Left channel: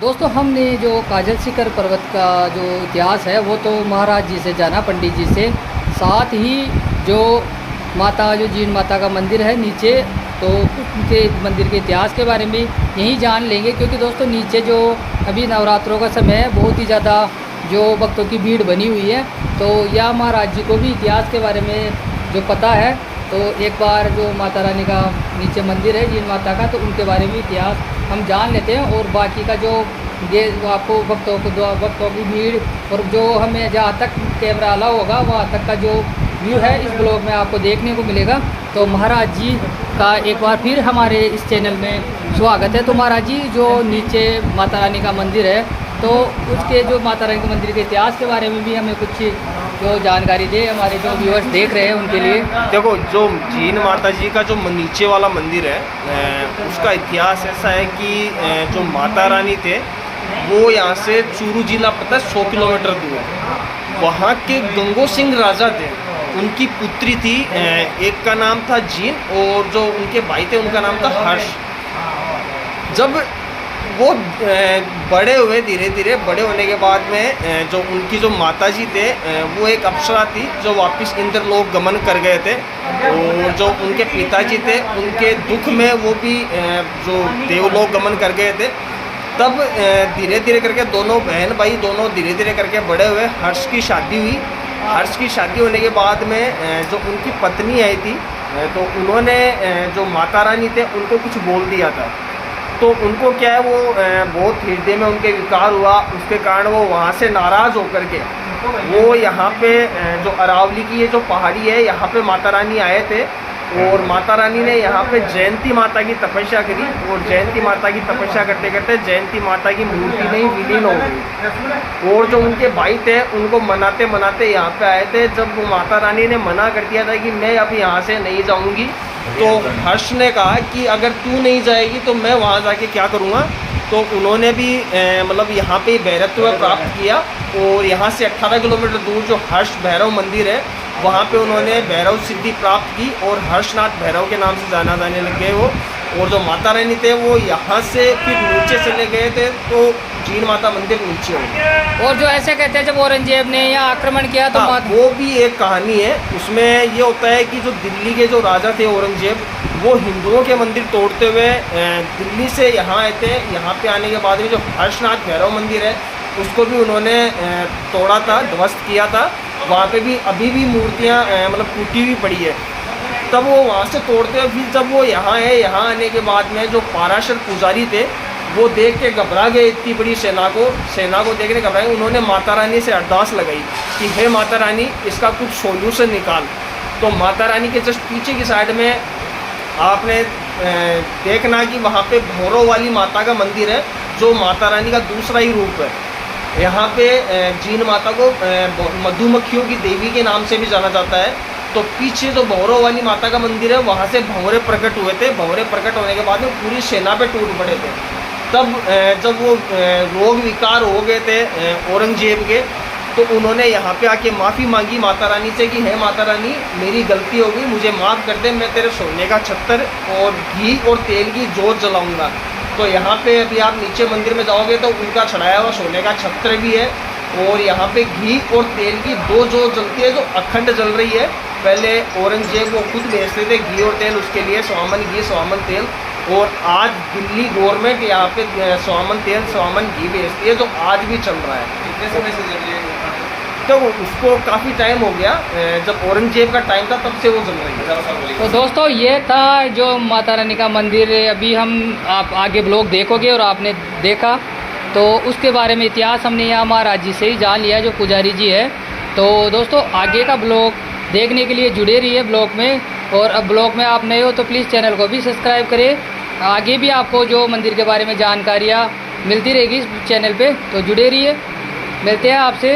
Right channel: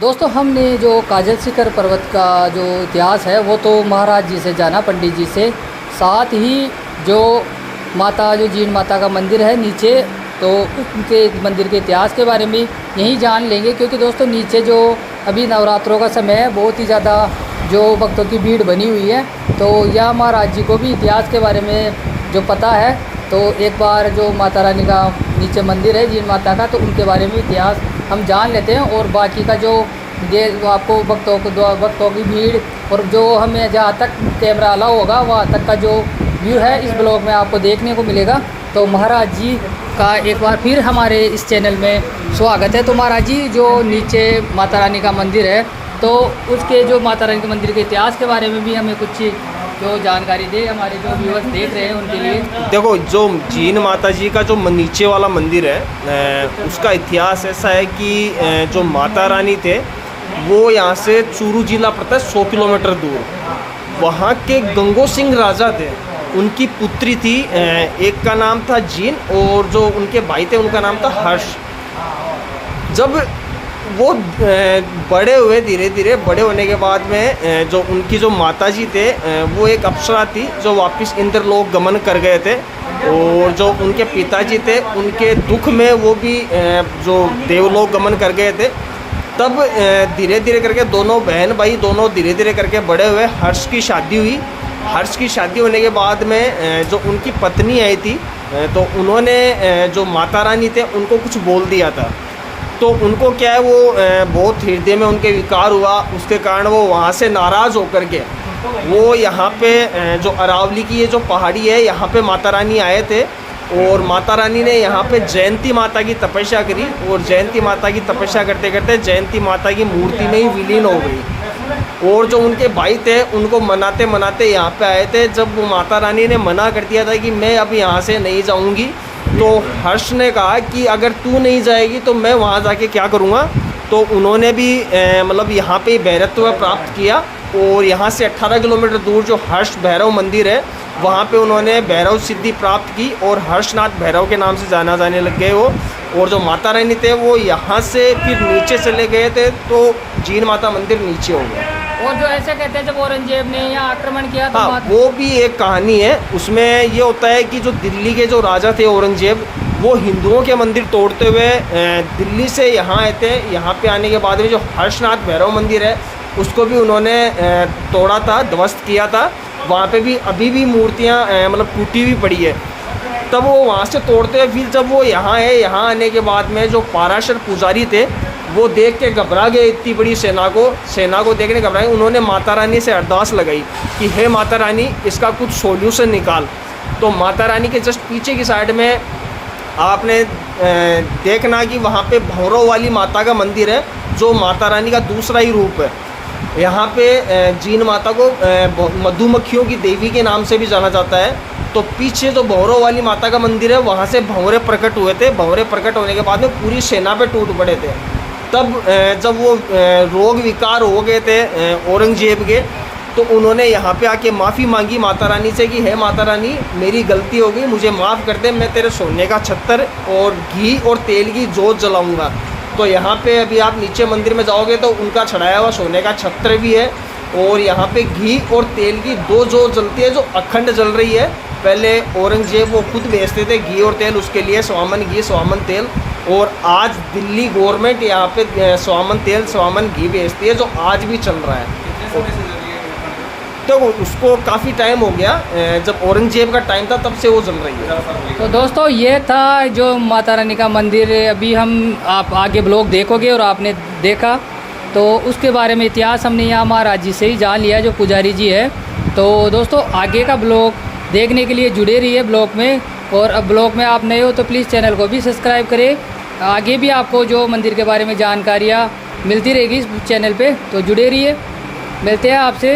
दोस्तों हमने जो काजल शिखर पर्वत का जो इतिहास है वो तो महाराज जी से जाना, पंडित जी से। साथ ही जो जीन माता का मंदिर है नीचे, तो उनके मंदिर के इतिहास के बारे में यहीं जान लेंगे। क्योंकि दोस्तों नीचे जो अभी नवरात्रों का समय है, बहुत ही ज़्यादा जो भक्तों की भीड़ बनी हुई है, तो यह महाराज जी को भी इतिहास के बारे में जो पता है, तो एक बार जो माता रानी का नीचे मंदिर है जीन माता का, तो उनके बारे में इतिहास हम जान लेते हैं। और बाकी का जो आपको भक्तों की भीड़ और जो हमें जहाँ तक कैमरा अलाउ होगा वहाँ तक का जो व्यू है इस ब्लॉग में आपको देखने को मिलेगा। तो महाराज जी का एक बार फिर हमारे इस चैनल में स्वागत है। तो महाराज जी जो नीचे माता रानी का मंदिर है, तो उसके जो माता रानी के मंदिर के इतिहास के बारे में भी हमें कुछ जो जानकारी दे, हमारे जो व्यूअर्स देख रहे हैं उनके लिए। देखो, जो जीन माता जी का जो नीचे वाला मंदिर है, उसका इतिहास ऐसा है कि जो माता रानी थे वो यहाँ से चूरू जिला पता है 100 किलोमीटर दूर, वहाँ के गंगो सिंह राजा थे, उनकी पुत्री थी। एक का नाम था जीन और जो उनके भाई थे उनका नाम था हर्ष। जब वो बड़े हुए, धीरे धीरे बड़े होने के बाद में जो उनकी जो माता जी थे वो एक अप्सरा थी जो वापस इंद्रलोक गमन कर गए थे। और जो उनके पिताजी थे उनके दुख में वो भी जो देवलोक गमन कर गए थे। तब धीरे धीरे करके दोनों बहन भाई दोनों धीरे धीरे करके बड़े हुए। हर्ष की शादी हुई। हर्ष की शादी होने के बाद में जो उनकी पत्नी आई थी, तो उन्होंने जो माता रानी थे उनको कुछ बोल दिया था। तो उनको क्या है, वो बहुत हृदय में उनके विकार हुआ, उसके कारण वो वहाँ से नाराज़ होकर के वो यहाँ पे जो अरावली की ये जो पहाड़ी है यहाँ पे माता रानी आए थे। और माता रानी ने यहाँ पे जयंती माता की तपस्या करी और जयंती माता की तपस्या करते करते जयंती माता की मूर्ति में ही विलीन हो गई। और जो उनके भाई थे उनको मनाते मनाते यहाँ पे आए थे। जब माता रानी ने मना कर दिया था कि मैं अब यहाँ से नहीं जाऊँगी, तो हर्ष ने कहा कि अगर तू नहीं जाएगी तो मैं वहाँ जाके क्या करूँगा। तो उन्होंने भी मतलब यहाँ पे भैरत्व प्राप्त किया और यहाँ से 18 किलोमीटर दूर जो हर्ष भैरव मंदिर है वहाँ पे उन्होंने भैरव सिद्धि प्राप्त की और हर्षनाथ भैरव के नाम से जाना जाने लग गए वो। और जो माता रानी थे वो यहाँ से फिर नीचे चले गए थे, तो जीन माता मंदिर नीचे हो गया। और जो ऐसे कहते हैं जब औरंगजेब ने यहाँ आक्रमण किया तो वो भी एक कहानी है। उसमें ये होता है कि जो दिल्ली के जो राजा थे औरंगजेब, वो हिंदुओं के मंदिर तोड़ते हुए दिल्ली से यहाँ आए थे। यहाँ पे आने के बाद में जो हर्षनाथ भैरव मंदिर है उसको भी उन्होंने तोड़ा था, ध्वस्त किया था। वहाँ पे भी अभी भी मूर्तियाँ मतलब टूटी हुई पड़ी है। तब वो वहाँ से तोड़ते हुए फिर जब वो यहाँ है, यहाँ आने के बाद में जो पाराशर पुजारी थे वो देख के घबरा गए। इतनी बड़ी सेना को देखने घबराए। उन्होंने माता रानी से अरदास लगाई कि हे माता रानी, इसका कुछ सोल्यूशन निकाल। तो माता रानी के जस्ट पीछे की साइड में आपने देखना कि वहाँ पे भौरव वाली माता का मंदिर है, जो माता रानी का दूसरा ही रूप है। यहाँ पे जीन माता को मधुमक्खियों की देवी के नाम से भी जाना जाता है। तो पीछे जो भौरव वाली माता का मंदिर है वहाँ से भंवरे प्रकट हुए थे। भंवरे प्रकट होने के बाद में पूरी सेना पे टूट पड़े थे। तब जब वो रोग विकार हो गए थे औरंगजेब के, तो उन्होंने यहाँ पे आके माफ़ी मांगी माता रानी से कि हे माता रानी, मेरी गलती हो गई, मुझे माफ़ कर दे, मैं तेरे सोने का छत्तर और घी और तेल की जोत जलाऊँगा। तो यहाँ पे अभी आप नीचे मंदिर में जाओगे तो उनका चढ़ाया हुआ सोने का छत्र भी है। और यहाँ पे घी और तेल की दो जोत जलती है जो अखंड जल रही है। पहले औरंगजेब वो खुद बेचते थे घी और तेल, उसके लिए स्वामन घी स्वामन तेल। और आज दिल्ली गवर्नमेंट यहाँ पे स्वामन तेल स्वामन घी बेचती है, जो आज भी चल रहा है। कितने समय से जल रही है? तो उसको काफ़ी टाइम हो गया, जब औरंगजेब का टाइम था तब से वो जल रही है। तो दोस्तों ये था जो माता रानी का मंदिर। अभी आप आगे ब्लॉग देखोगे और आपने देखा तो उसके बारे में इतिहास हमने यहाँ महाराज जी से ही जान लिया, जो पुजारी जी है। तो दोस्तों आगे का ब्लॉग देखने के लिए जुड़े रहिए ब्लॉग में। और अब ब्लॉग में आप नए हो तो प्लीज़ चैनल को भी सब्सक्राइब करें। आगे भी आपको जो मंदिर के बारे में जानकारियाँ मिलती रहेगी इस चैनल पे, तो जुड़े रहिए। मिलते हैं आपसे